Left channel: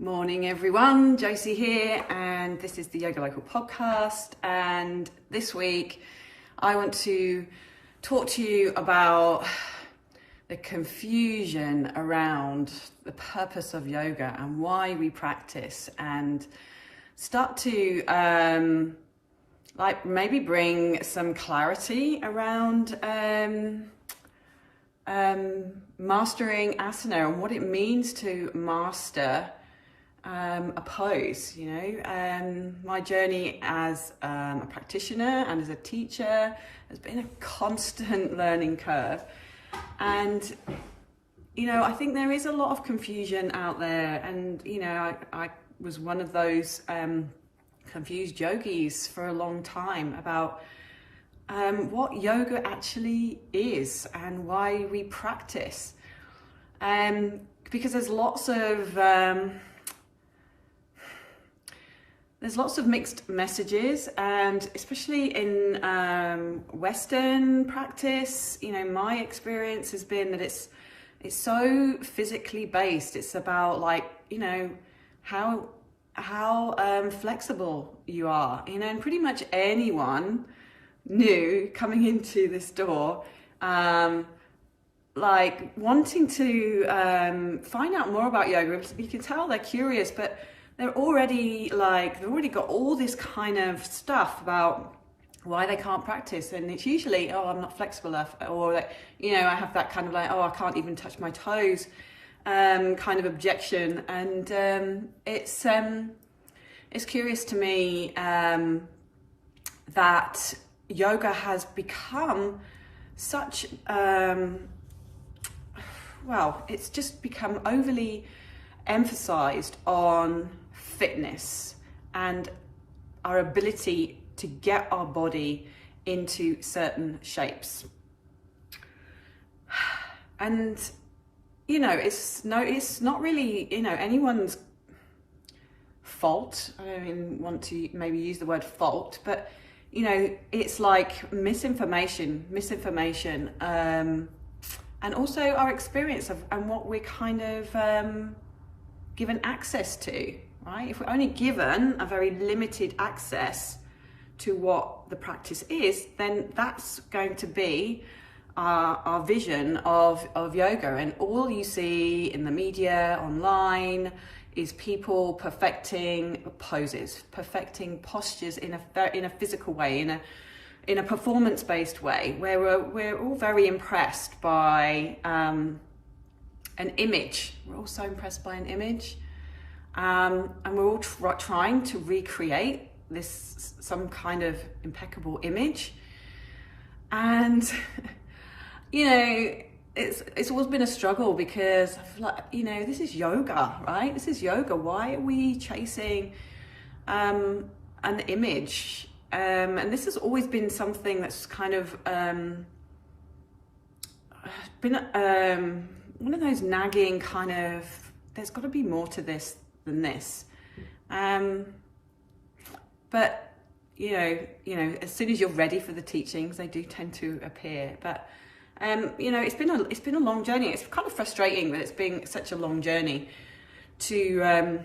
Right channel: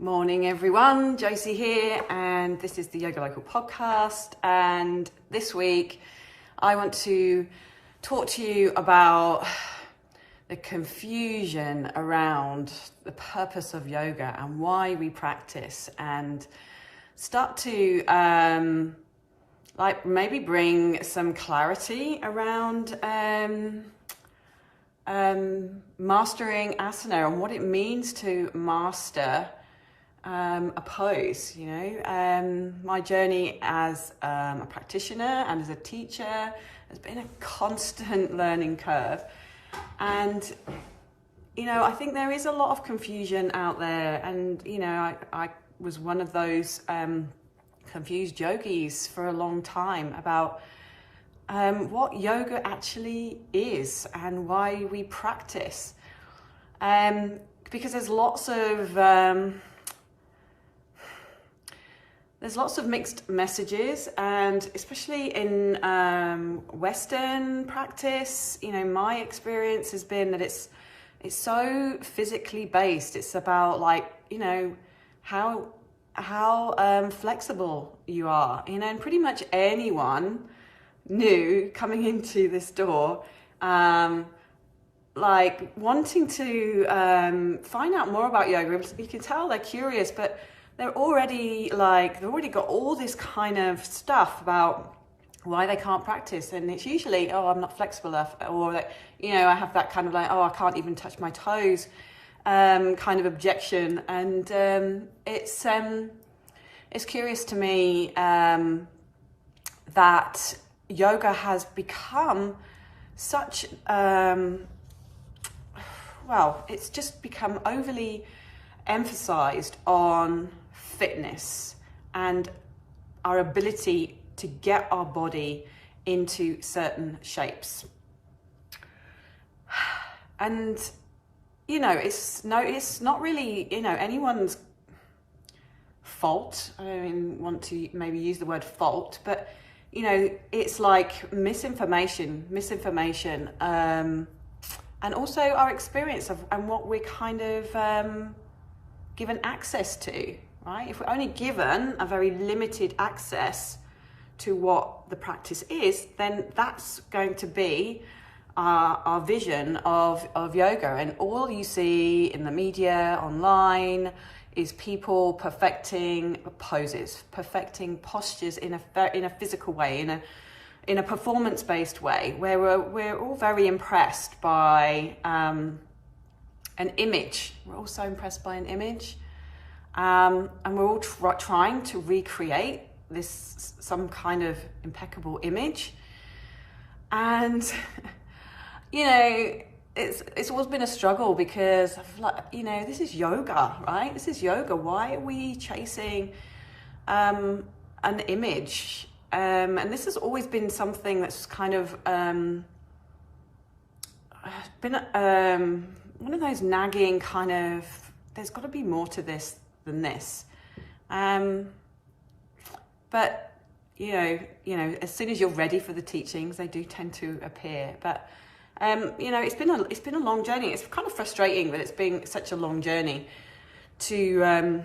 Morning everyone, Josie here, and this is the YogaLocal podcast. And this week I want to talk to you about the confusion around the purpose of yoga and why we practice, and start to maybe bring some clarity around mastering asana and what it means to master a pose. My journey as a practitioner and as a teacher has been a constant learning curve, and I think there is a lot of confusion out there, and I was one of those confused yogis for a long time about what yoga actually is and why we practice, because there's lots of mixed messages, and especially in Western practice, my experience has been that it's so physically based. It's about how flexible you are, and pretty much anyone new coming into this door, wanting to find out more about yoga. You can tell they're curious, but they've already got all this kind of stuff about why they can't practice, and it's usually, I'm not flexible enough, or I have that kind of I can't even touch my toes kind of objection. And it's curious to me that yoga has become such it's just become overly emphasized on fitness and our ability to get our body into certain shapes. And it's not really anyone's fault. I don't even want to maybe use the word fault, but it's like misinformation, and also our experience of and what we're kind of given access to. Right? If we're only given a very limited access to what the practice is, then that's going to be our vision of yoga. And all you see in the media, online, is people perfecting poses, perfecting postures in a physical way, in a performance-based way, where we're all very impressed by an image. We're all so impressed by an image. And we're all trying to recreate some kind of impeccable image, and it's always been a struggle, because this is yoga, right? This is yoga. Why are we chasing an image? And this has always been something that's kind of been one of those nagging kind of, there's got to be more to this than this, but as soon as you're ready for the teachings, they do tend to appear. But it's been a long journey. It's kind of frustrating that it's been such a long journey to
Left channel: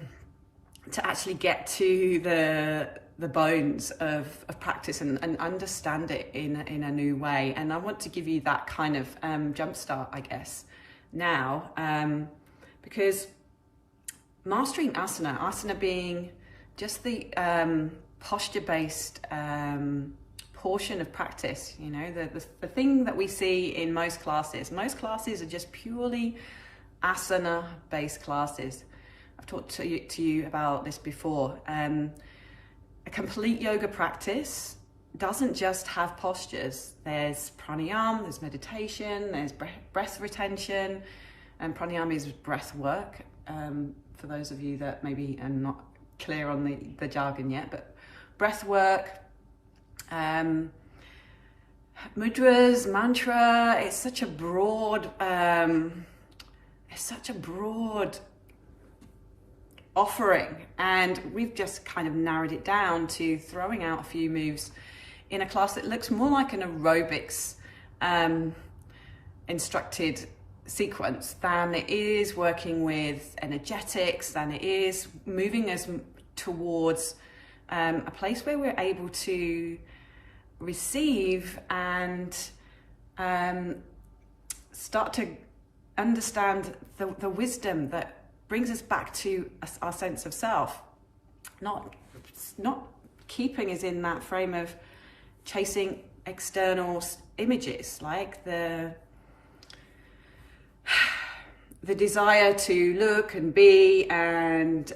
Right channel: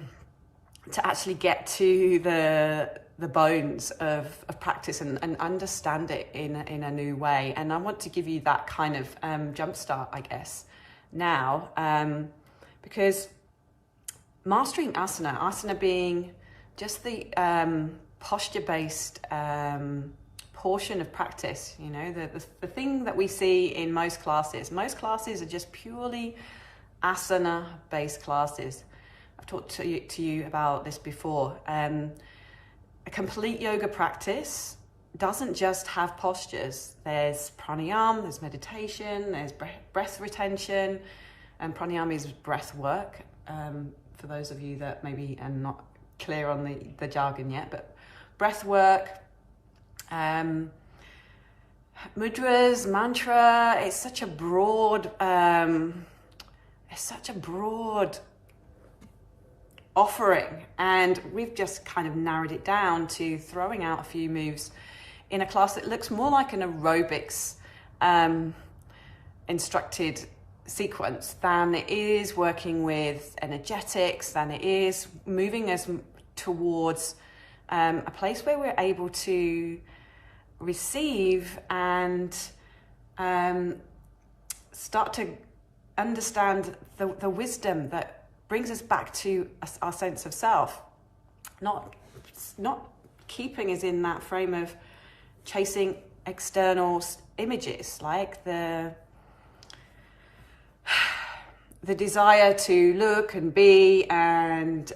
actually get to the bones of practice and understand it in a new way. And I want to give you that kind of jumpstart, I guess, now, because mastering asana being just the posture-based portion of practice, the thing that we see in most classes. Most classes are just purely asana-based classes. I've talked to you about this before. A complete yoga practice doesn't just have postures. There's pranayama, there's meditation, there's breath retention, and pranayama is breath work. For those of you that maybe are not clear on the jargon yet, but breath work, mudras, mantra, it's such a broad offering, and we've just kind of narrowed it down to throwing out a few moves in a class that looks more like an aerobics instructed sequence than it is working with energetics, than it is moving us towards a place where we're able to receive and start to understand the wisdom that brings us back to our sense of self, not keeping us in that frame of chasing external images, like the desire to look and be and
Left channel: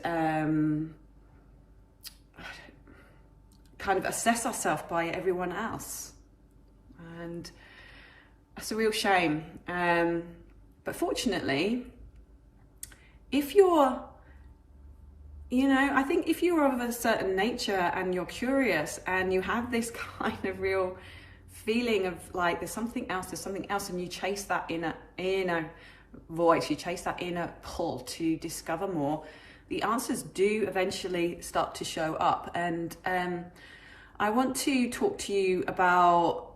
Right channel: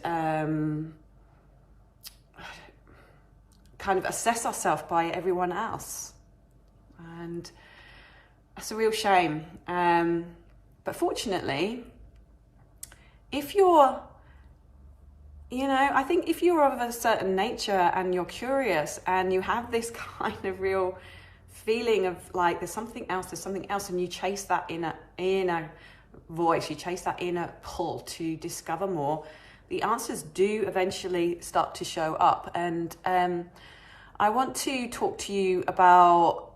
kind of assess ourselves by everyone else. And that's a real shame. But fortunately, if you're, I think if you're of a certain nature and you're curious and you have this kind of real feeling of like there's something else, and you chase that inner voice, you chase that inner pull to discover more, the answers do eventually start to show up. And I want to talk to you about,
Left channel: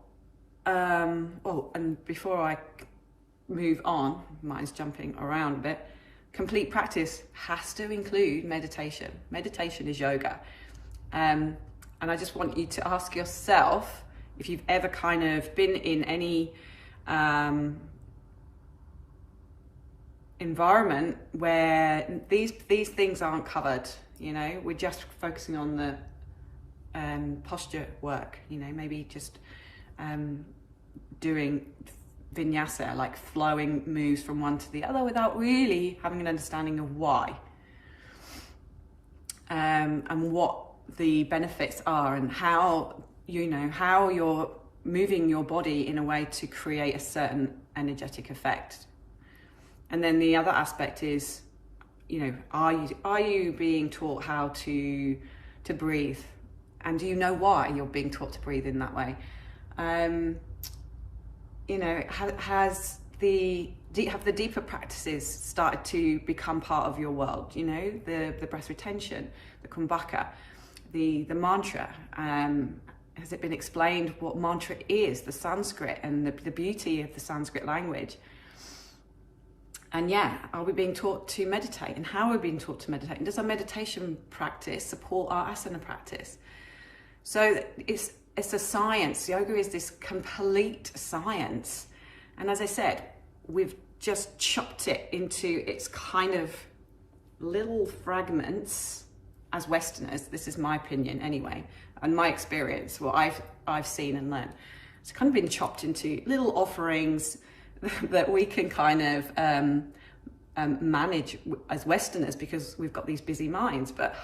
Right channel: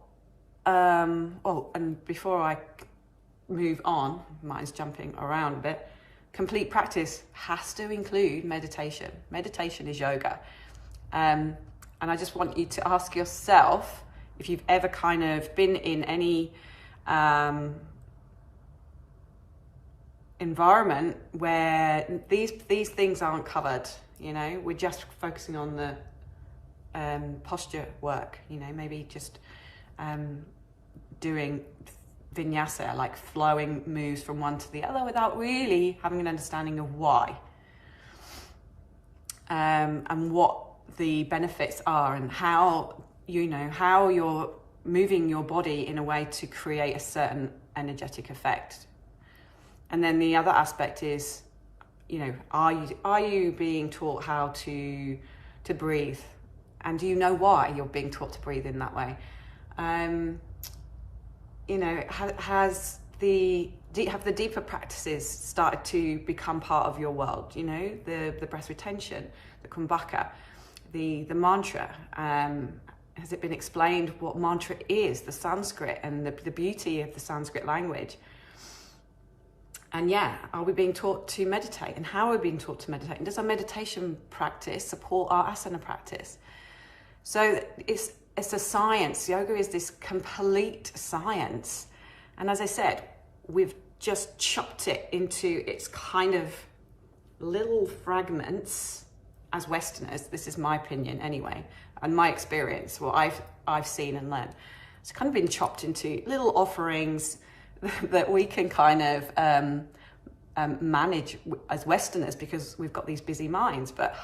and before I move on, mine's jumping around a bit, complete practice has to include meditation. Meditation is yoga. And I just want you to ask yourself if you've ever kind of been in any environment where these things aren't covered. We're just focusing on the posture work, maybe just doing vinyasa, like flowing moves from one to the other without really having an understanding of why and what the benefits are, and how you're moving your body in a way to create a certain energetic effect. And then the other aspect is, are you being taught how to breathe, and do you know why you're being taught to breathe in that way? Have the deeper practices started to become part of your world? The breath retention, the kumbhaka, the mantra. Has it been explained what mantra is, the Sanskrit, and the beauty of the Sanskrit language? And are we being taught to meditate, and how are we being taught to meditate? And does our meditation practice support our asana practice? So it's a science. Yoga is this complete science. And as I said, we've just chopped it into its kind of little fragments as Westerners. This is my opinion anyway, and my experience, what I've seen and learned. It's kind of been chopped into little offerings that we can kind of manage as Westerners, because we've got these busy minds. But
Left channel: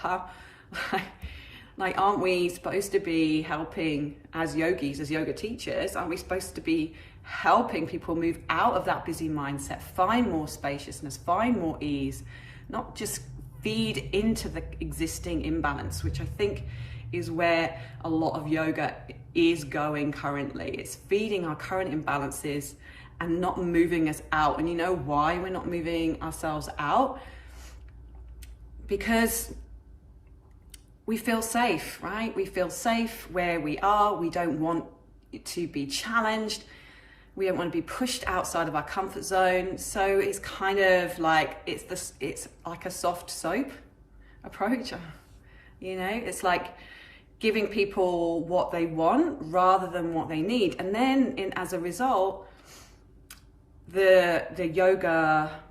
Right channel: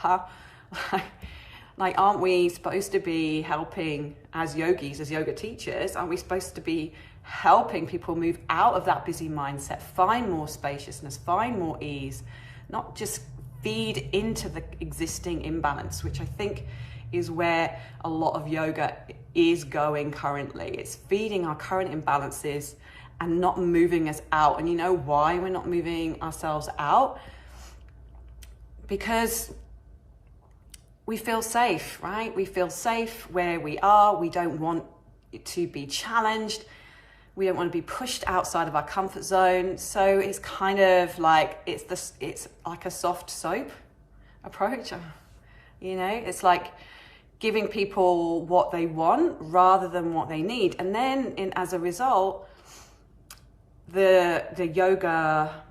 aren't we supposed to be helping, as yogis, as yoga teachers, aren't we supposed to be helping people move out of that busy mindset, find more spaciousness, find more ease, not just feed into the existing imbalance, which I think is where a lot of yoga is going currently. It's feeding our current imbalances and not moving us out. And you know why we're not moving ourselves out? Because we feel safe, right? We feel safe where we are. We don't want to be challenged. We don't want to be pushed outside of our comfort zone. So it's kind of like, it's like a soft soap approach. It's like giving people what they want rather than what they need. And then as a result, the yoga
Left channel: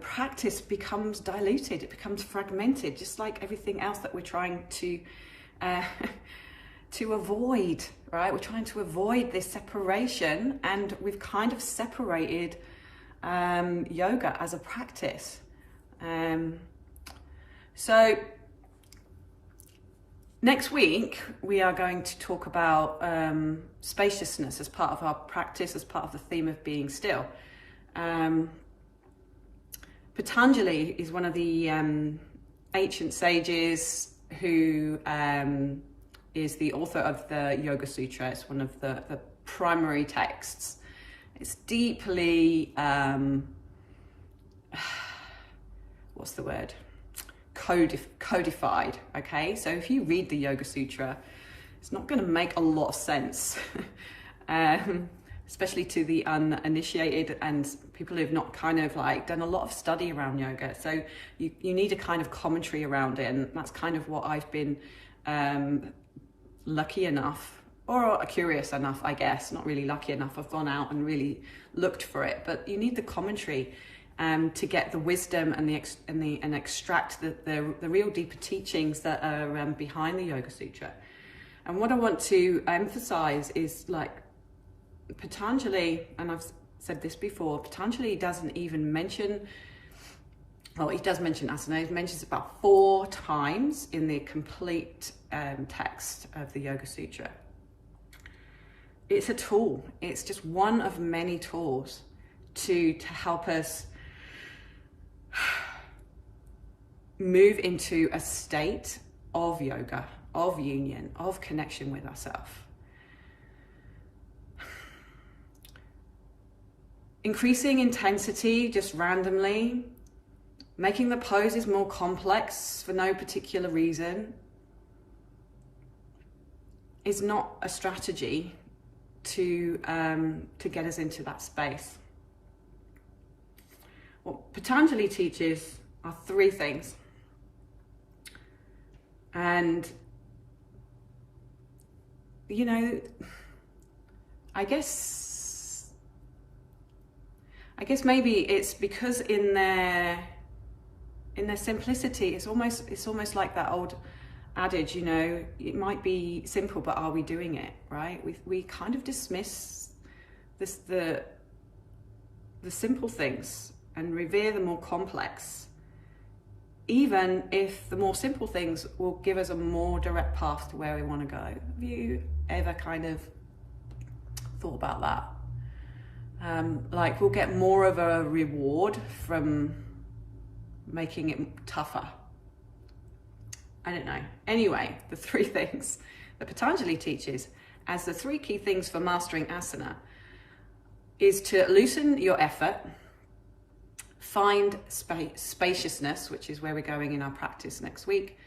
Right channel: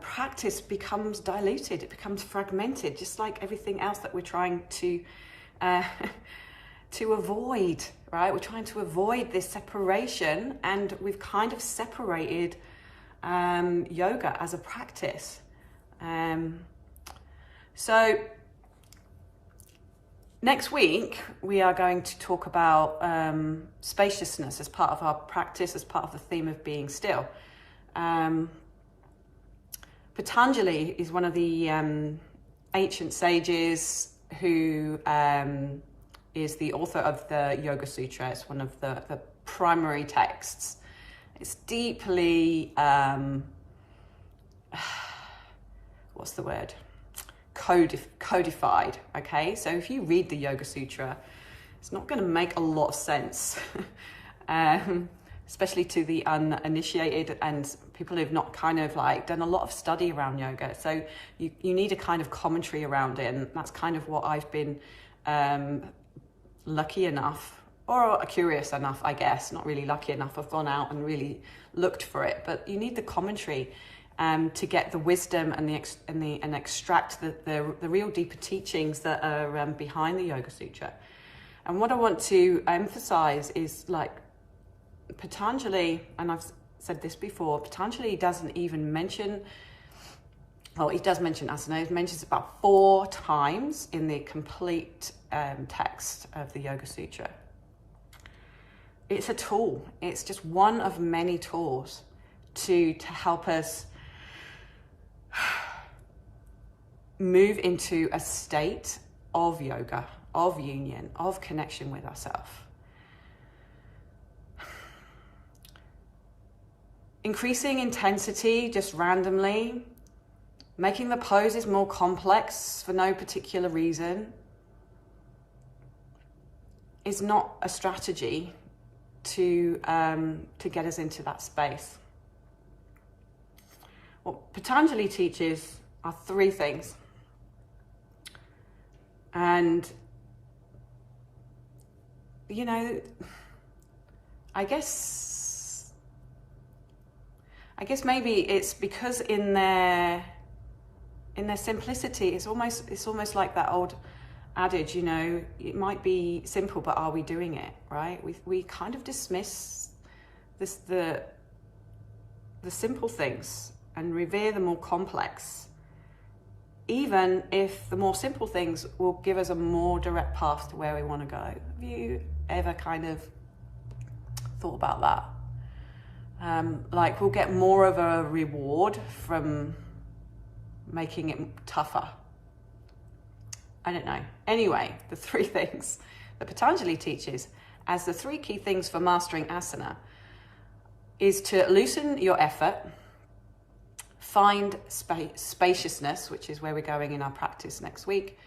practice becomes diluted, it becomes fragmented, just like everything else that we're trying to avoid, right? We're trying to avoid this separation, and we've kind of separated yoga as a practice. So next week we are going to talk about spaciousness as part of our practice, as part of the theme of being still. Patanjali is one of the ancient sages who is the author of the Yoga Sutra. It's one of the primary texts. It's deeply, what's the word? Codified, okay? So if you read the Yoga Sutra, it's not going to make a lot of sense. especially to the uninitiated and people who've not kind of like done a lot of study around yoga. So you need a kind of commentary around it, and that's kind of what I've been lucky enough, or curious enough, I guess, not really lucky enough. I've gone out and really looked for it, but you need the commentary to get the wisdom and extract the real deeper teachings that are behind the Yoga Sutra. And what I want to emphasize is, like, Patanjali, and I've said this before, Patanjali doesn't even mention, well, he does mention asana. He mentions about 4 times in the complete text of the Yoga Sutra. It's a tool. It's just one of many tools to help us move into a state of yoga, of union, of connection with ourselves. Increasing intensity just randomly, making the poses more complex for no particular reason, is not a strategy to get us into that space. What Patanjali teaches are 3 things. And, you know, I guess maybe it's because in their simplicity, it's almost like that old adage, you know, it might be simple, but are we doing it, right? We kind of dismiss the simple things and revere the more complex, even if the more simple things will give us a more direct path to where we want to go. Have you ever kind of thought about that? Like, we'll get more of a reward from making it tougher. I don't know. Anyway, the 3 things that Patanjali teaches as the 3 key things for mastering asana is to loosen your effort, find spaciousness, which is where we're going in our practice next week,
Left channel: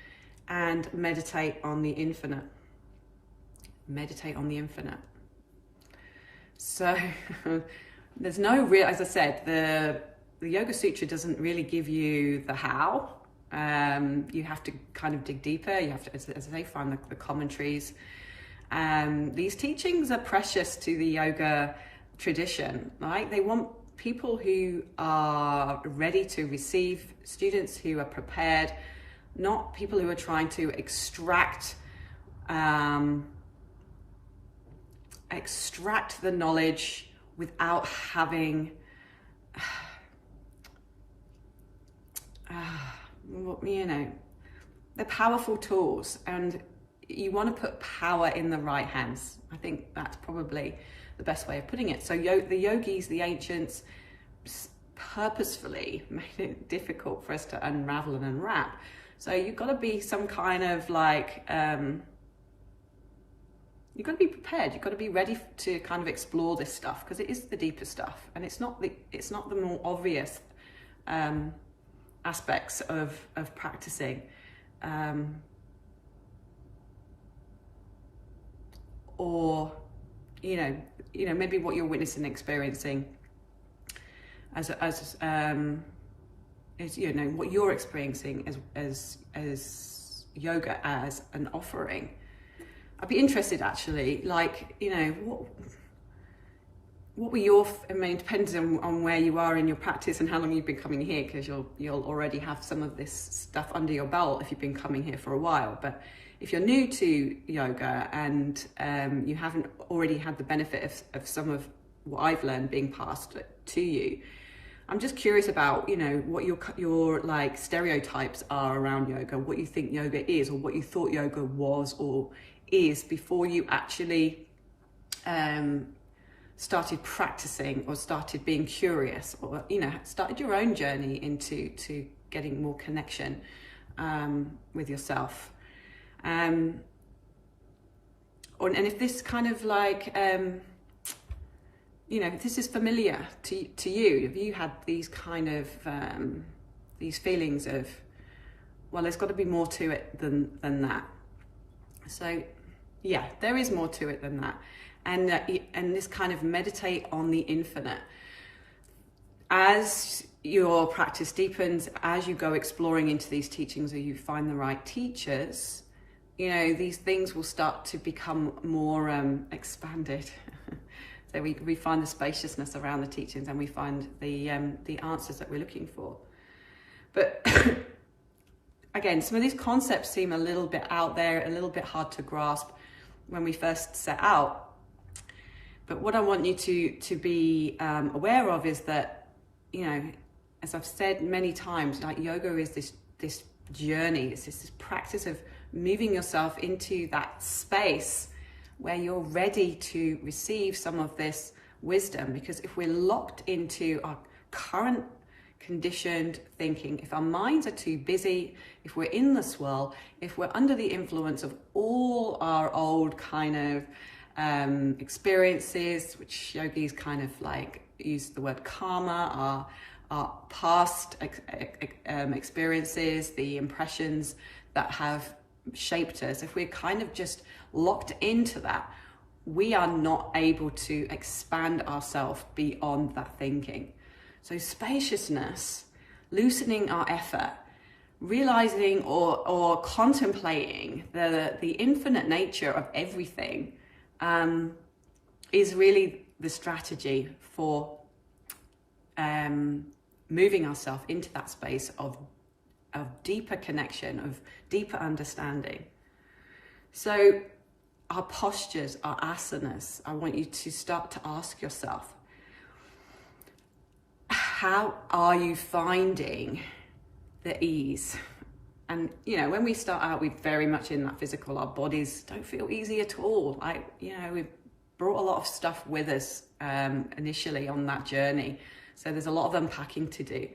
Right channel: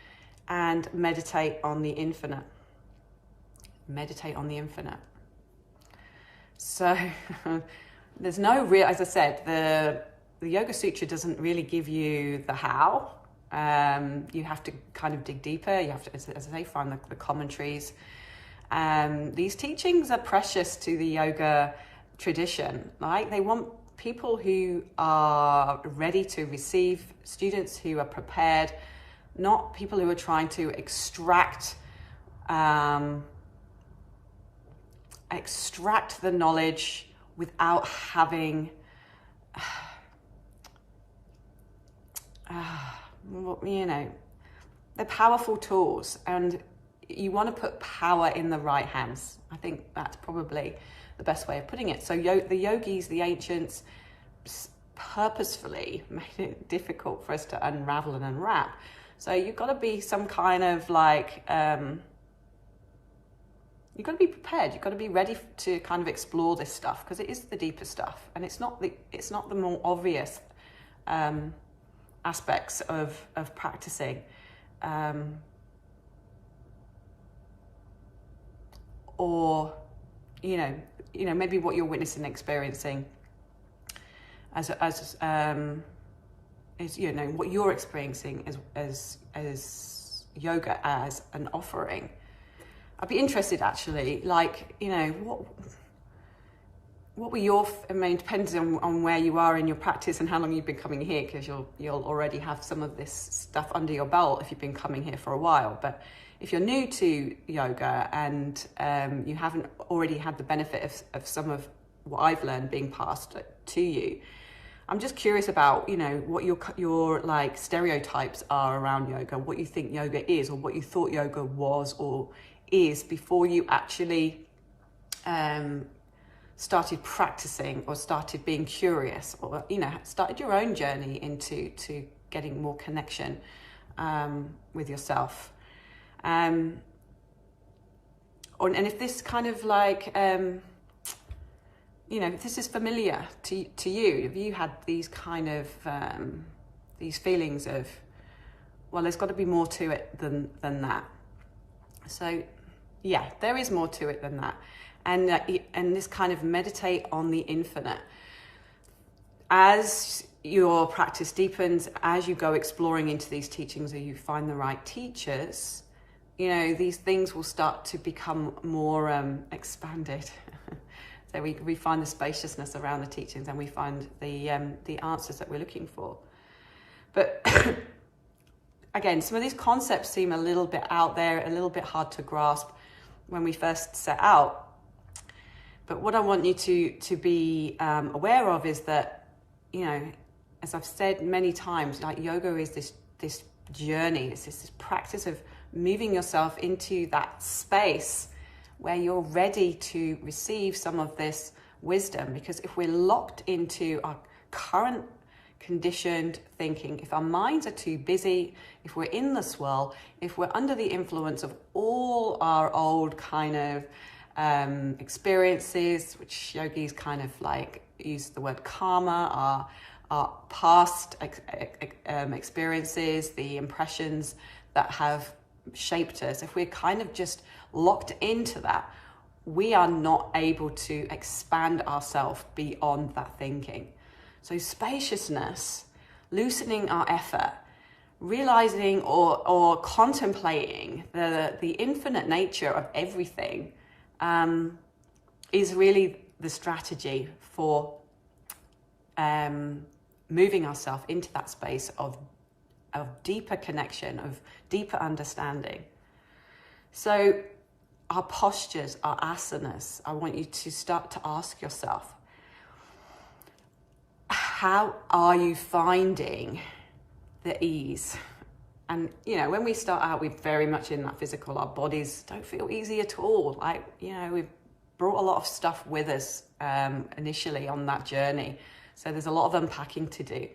and meditate on the infinite. Meditate on the infinite. So there's no real, as I said, the Yoga Sutra doesn't really give you the how. You have to kind of dig deeper. You have to, as I say, find the commentaries. These teachings are precious to the yoga tradition, right? They want people who are ready to receive, students who are prepared, not people who are trying to extract the knowledge without having you know, they're powerful tools, and you want to put power in the right hands. I think that's probably the best way of putting it. So the yogis, the ancients, purposefully made it difficult for us to unravel and unwrap. So you've got to be some kind of like, you've got to be prepared. You've got to be ready to kind of explore this stuff, because it is the deeper stuff, and it's not the more obvious aspects of practicing. Or, you know, maybe what you're witnessing and experiencing as is, you know, what you're experiencing as yoga as an offering. I'd be interested, actually, like, you know, what were your, I mean, depends on where you are in your practice and how long you've been coming here, because you'll already have some of this stuff under your belt if you've been coming here for a while. But if you're new to yoga and you haven't already had the benefit of some of what I've learned being passed to you, I'm just curious about, you know, what your like stereotypes are around yoga, what you think yoga is, or what you thought yoga was or is before you actually started practicing or started being curious, or, you know, started your own journey into getting more connection with yourself. And if this kind of like, you know, if this is familiar to you, have you had these kind of, these feelings of, well, there's got to be more to it than that. So yeah, there is more to it than that. and this kind of meditate on the infinite. As your practice deepens, as you go exploring into these teachings, or you find the right teachers, you know, these things will start to become more expanded. So we find the spaciousness around the teachings, and we find the answers that we're looking for. But again, some of these concepts seem a little bit out there, a little bit hard to grasp when we first set out. But what I want you to be aware of is that, you know, as I've said many times, like, yoga is this journey. It's this practice of moving yourself into that space where you're ready to receive some of this wisdom. Because if we're locked into our current conditioned thinking, if our minds are too busy, if we're in the swirl, if we're under the influence of all our old kind of experiences, which yogis kind of like use the word karma, our past experiences, the impressions that have shaped us, if we're kind of just locked into that, we are not able to expand ourselves beyond that thinking. So spaciousness, loosening our effort, realizing or contemplating the infinite nature of everything is really the strategy for moving ourselves into that space of deeper connection, of deeper understanding. So our postures, our asanas, I want you to start to ask yourself, how are you finding the ease? And, you know, when we start out, we're very much in that physical. Our bodies don't feel easy at all. Like, you know, we've brought a lot of stuff with us initially on that journey. So there's a lot of unpacking to do.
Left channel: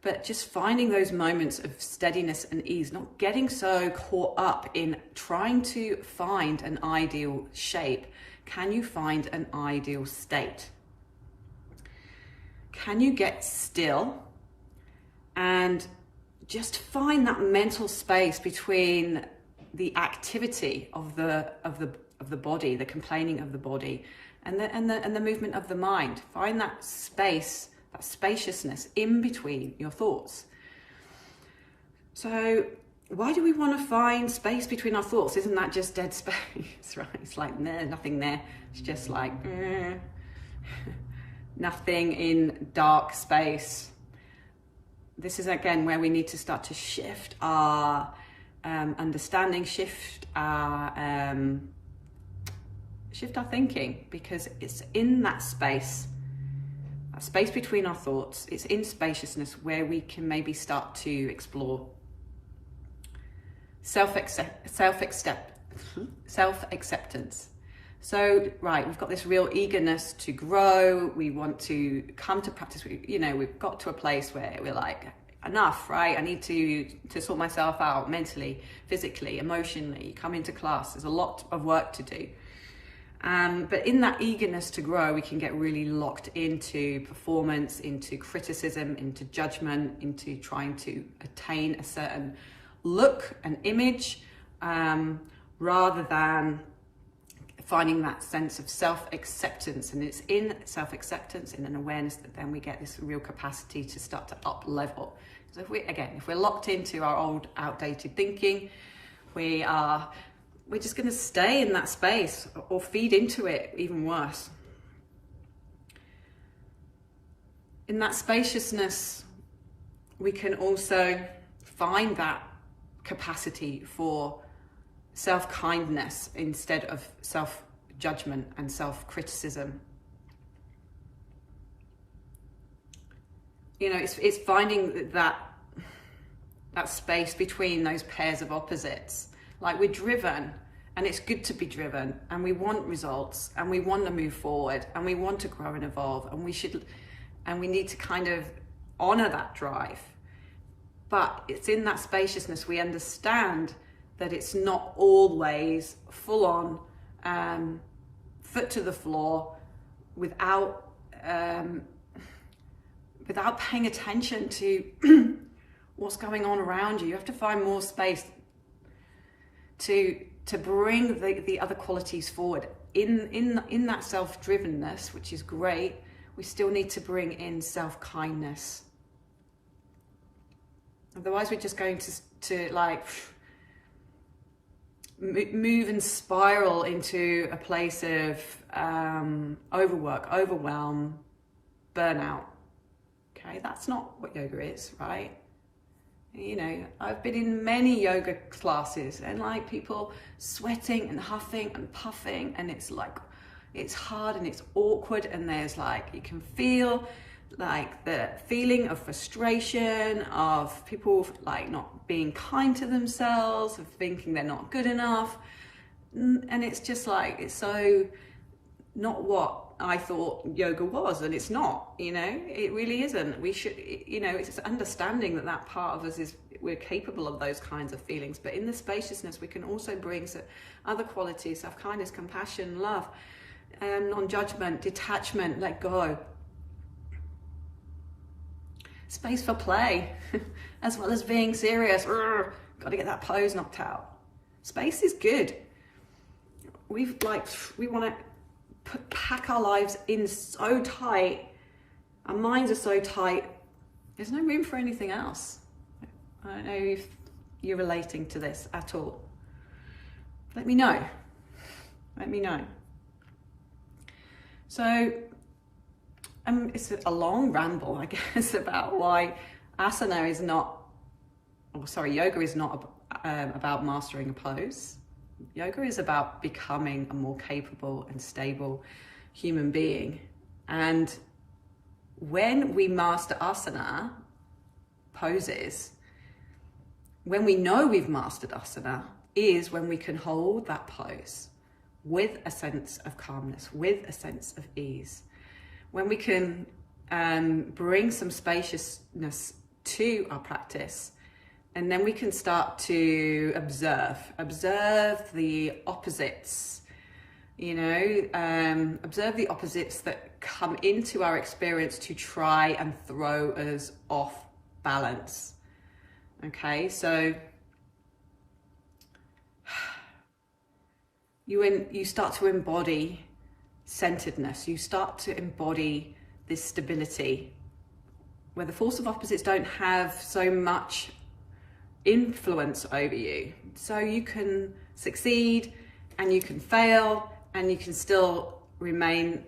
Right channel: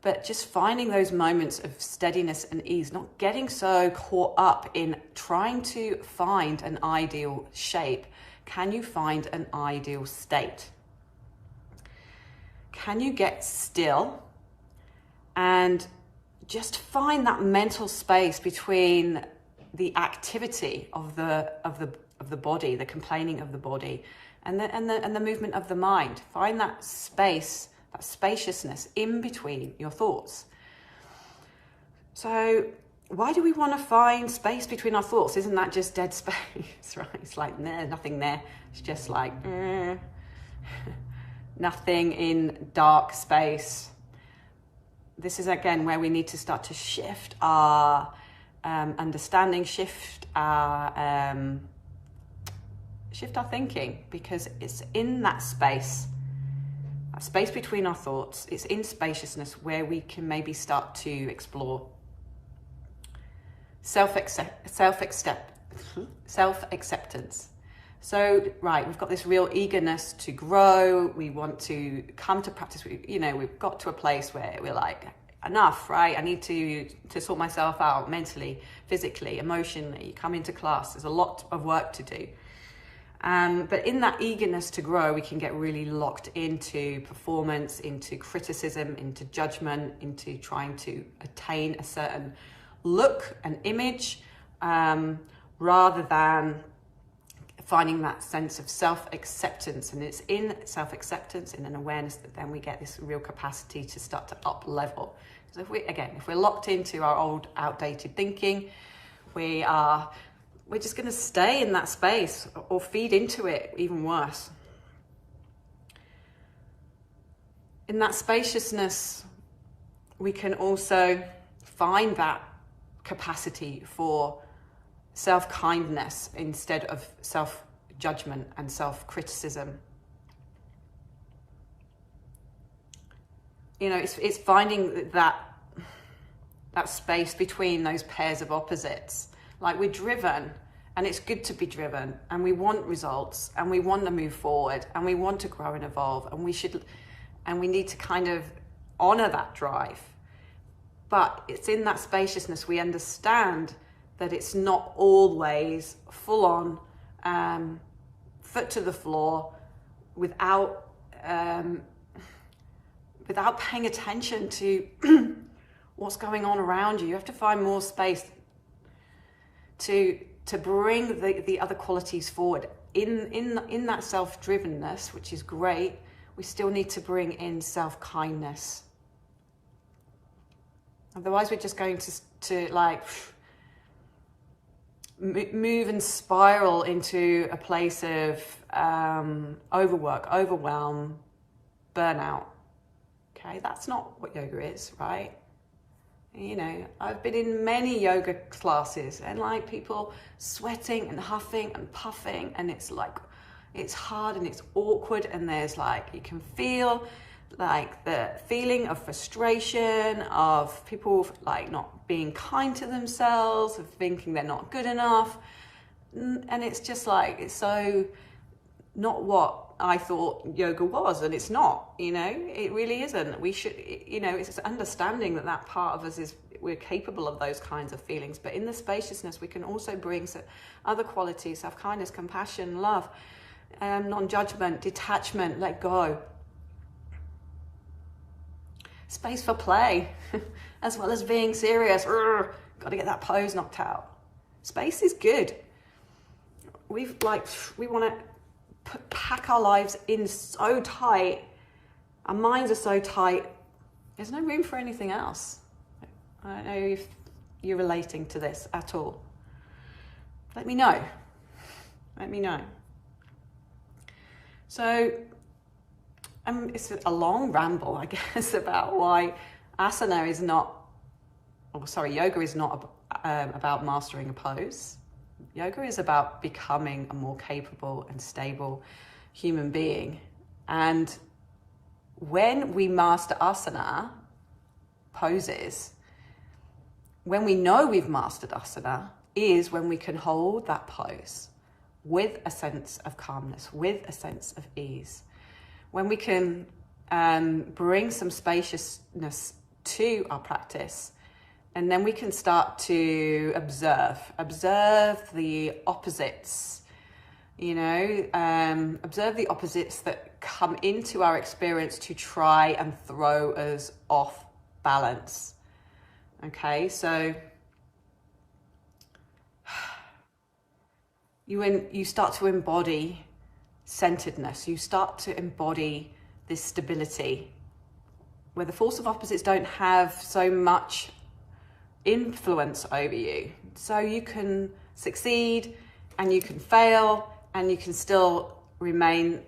But just finding those moments of steadiness and ease, not getting so caught up in trying to find an ideal shape. Can you find an ideal state? Can you get still and just find that mental space between the activity of the body, the complaining of the body, and the movement of the mind? Find that space, that spaciousness in between your thoughts. So why do we want to find space between our thoughts? Isn't that just dead space, right? It's like, nah, nothing there. It's just like, nothing in dark space. This is again where we need to start to shift our understanding, shift our thinking, because it's in that space between our thoughts, it's in spaciousness where we can maybe start to explore self-acceptance. So, right, we've got this real eagerness to grow. We want to come to practice. We've got to a place where we're like, enough, right? I need to sort myself out mentally, physically, emotionally, come into class. There's a lot of work to do. But in that eagerness to grow, we can get really locked into performance, into criticism, into judgment, into trying to attain a certain look, an image, rather than finding that sense of self-acceptance. And it's in self-acceptance, in an awareness, that then we get this real capacity to start to up level. So if we're locked into our old outdated thinking, we're just going to stay in that space or feed into it, even worse. In that spaciousness, we can also find that capacity for self-kindness instead of self-judgment and self-criticism. You know, it's finding that space between those pairs of opposites. Like, we're driven, and it's good to be driven, and we want results, and we want to move forward, and we want to grow and evolve, and we need to kind of honor that drive. But it's in that spaciousness we understand that it's not always full on, foot to the floor, without paying attention to what's going on around you. You have to find more space to bring the other qualities forward. in that self-drivenness, which is great, we still need to bring in self-kindness. Otherwise, we're just going to like move and spiral into a place of overwork, overwhelm, burnout. Okay, that's not what yoga is, right? You know, I've been in many yoga classes and like people sweating and huffing and puffing, and it's like, it's hard and it's awkward, and there's like, you can feel like the feeling of frustration, of people like not being kind to themselves, of thinking they're not good enough. And it's just like, it's so not what I thought yoga was, and it's not, you know, it really isn't. We should, you know, it's understanding that that part of us is, we're capable of those kinds of feelings, but in the spaciousness, we can also bring other qualities, self-kindness, compassion, love, non-judgment, detachment, let go. Space for play, as well as being serious. Got to get that pose knocked out. Space is good. We want to pack our lives in so tight. Our minds are so tight. There's no room for anything else. I don't know if you're relating to this at all. Let me know. Let me know. So, it's a long ramble, I guess, about why yoga is not about mastering a pose. Yoga is about becoming a more capable and stable human being. And when we master asana poses, when we know we've mastered asana, is when we can hold that pose with a sense of calmness, with a sense of ease. When we can bring some spaciousness to our practice, and then we can start to observe the opposites, you know, observe the opposites that come into our experience to try and throw us off balance. Okay, so you start to embody centeredness, you start to embody this stability where the force of opposites don't have so much influence over you. So you can succeed and you can fail and you can still remain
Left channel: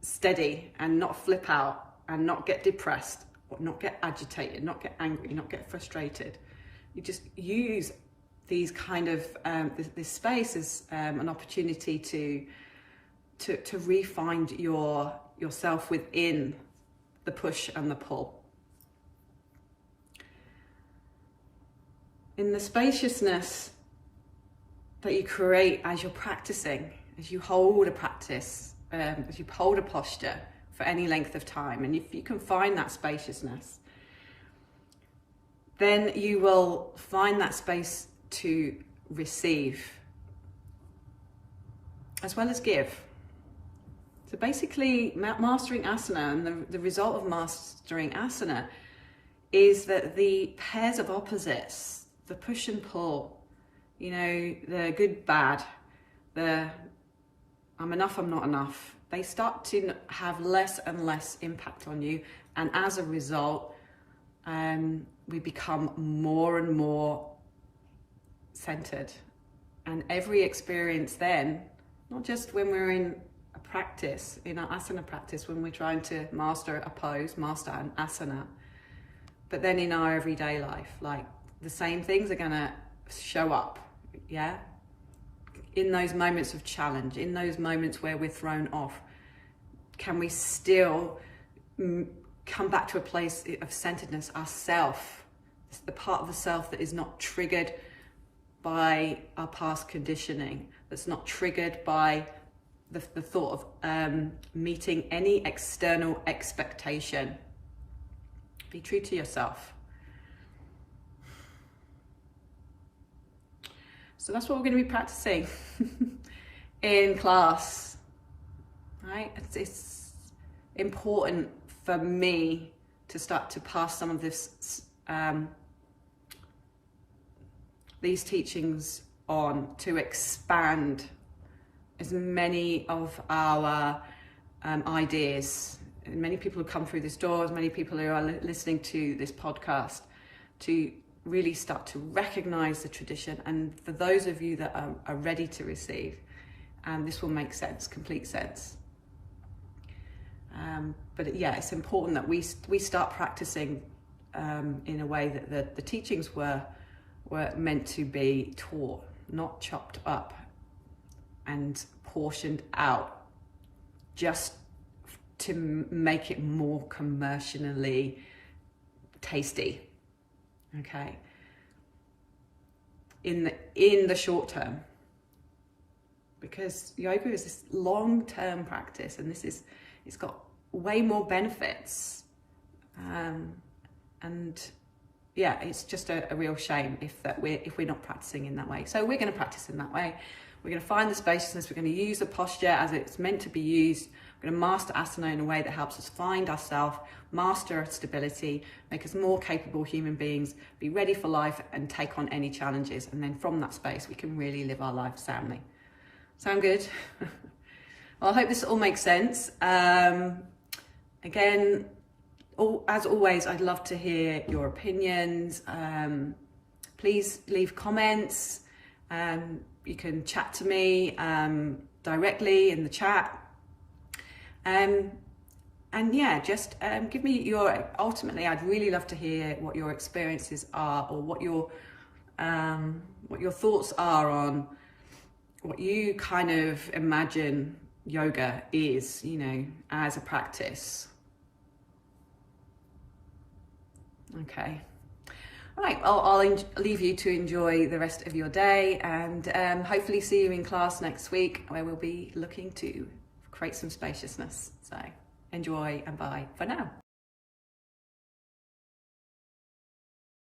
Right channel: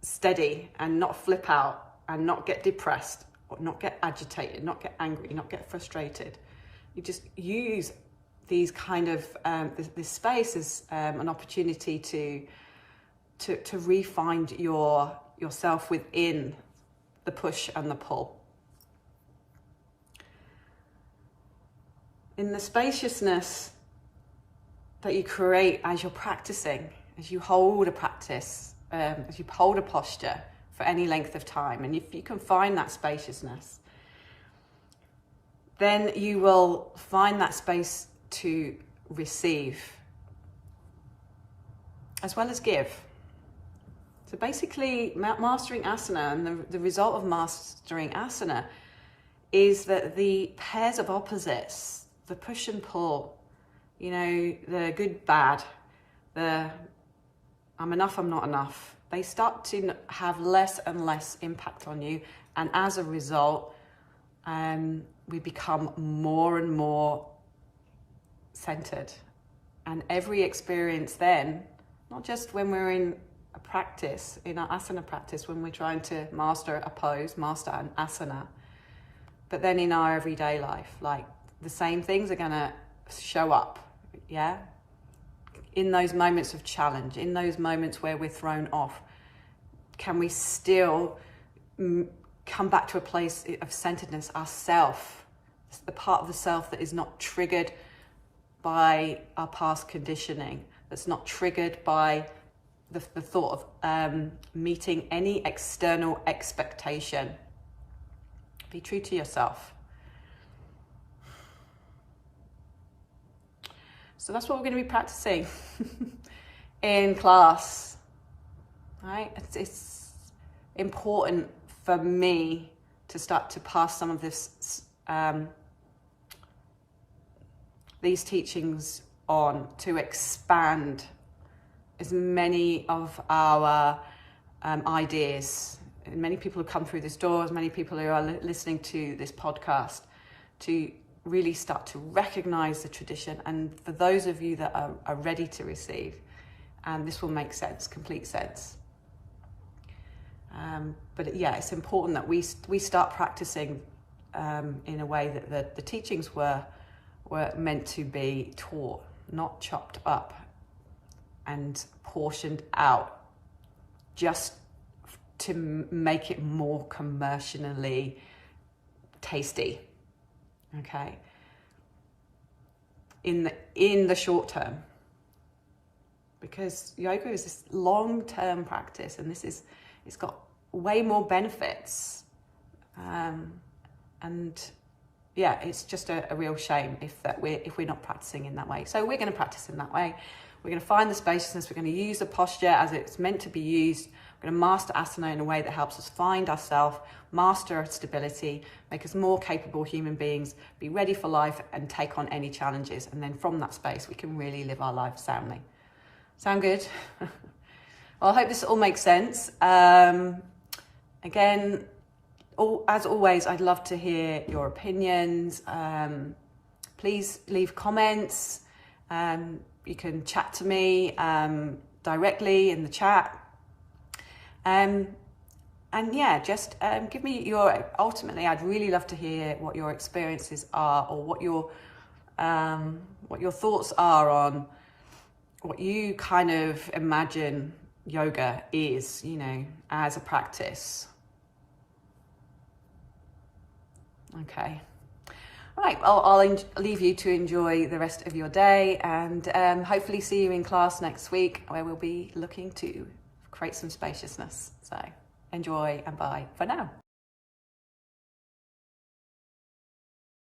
steady and not flip out and not get depressed or not get agitated, not get angry, not get frustrated. You just use these kind of, this space as an opportunity to re-find yourself within the push and the pull. In the spaciousness that you create as you're practicing, as you hold a practice, as you hold a posture for any length of time, and if you can find that spaciousness, then you will find that space to receive as well as give. So basically, mastering asana, and the result of mastering asana is that the pairs of opposites, the push and pull, you know, the good, bad, the I'm enough, I'm not enough, they start to have less and less impact on you. And as a result, we become more and more centered. And every experience then, not just when we're in a practice, in our asana practice, when we're trying to master a pose, master an asana, but then in our everyday life, like the same things are gonna show up, yeah? In those moments of challenge, in those moments where we're thrown off, can we still come back to a place of centeredness, ourself, the part of the self that is not triggered by our past conditioning, that's not triggered by the thought of meeting any external expectation. Be true to yourself. So that's what we're going to be practicing in class, right? It's important for me to start to pass some of this, these teachings on, to expand as many of our ideas, and many people who come through this door, as many people who are listening to this podcast, to really start to recognize the tradition. And for those of you that are ready to receive, this will make sense, complete sense. But yeah, it's important that we start practicing in a way that the teachings were meant to be taught, not chopped up and portioned out just to make it more commercially tasty. Okay, in the short term, because yoga is this long-term practice, and it's got way more benefits, and yeah, it's just a real shame if we're not practicing in that way. So we're going to practice in that way. We're going to find the spaciousness. We're going to use the posture as it's meant to be used. We're going to master asana in a way that helps us find ourselves, master our stability, make us more capable human beings, be ready for life and take on any challenges. And then from that space, we can really live our life soundly. Sound good? Well, I hope this all makes sense. Again, as always, I'd love to hear your opinions. Please leave comments. You can chat to me directly in the chat. And yeah, just give me ultimately, I'd really love to hear what your experiences are, or what your thoughts are on what you kind of imagine yoga is, as a practice. Okay. All right, well, I'll leave you to enjoy the rest of your day, and hopefully see you in class next week, where we'll be looking to create some spaciousness. So enjoy, and bye for now.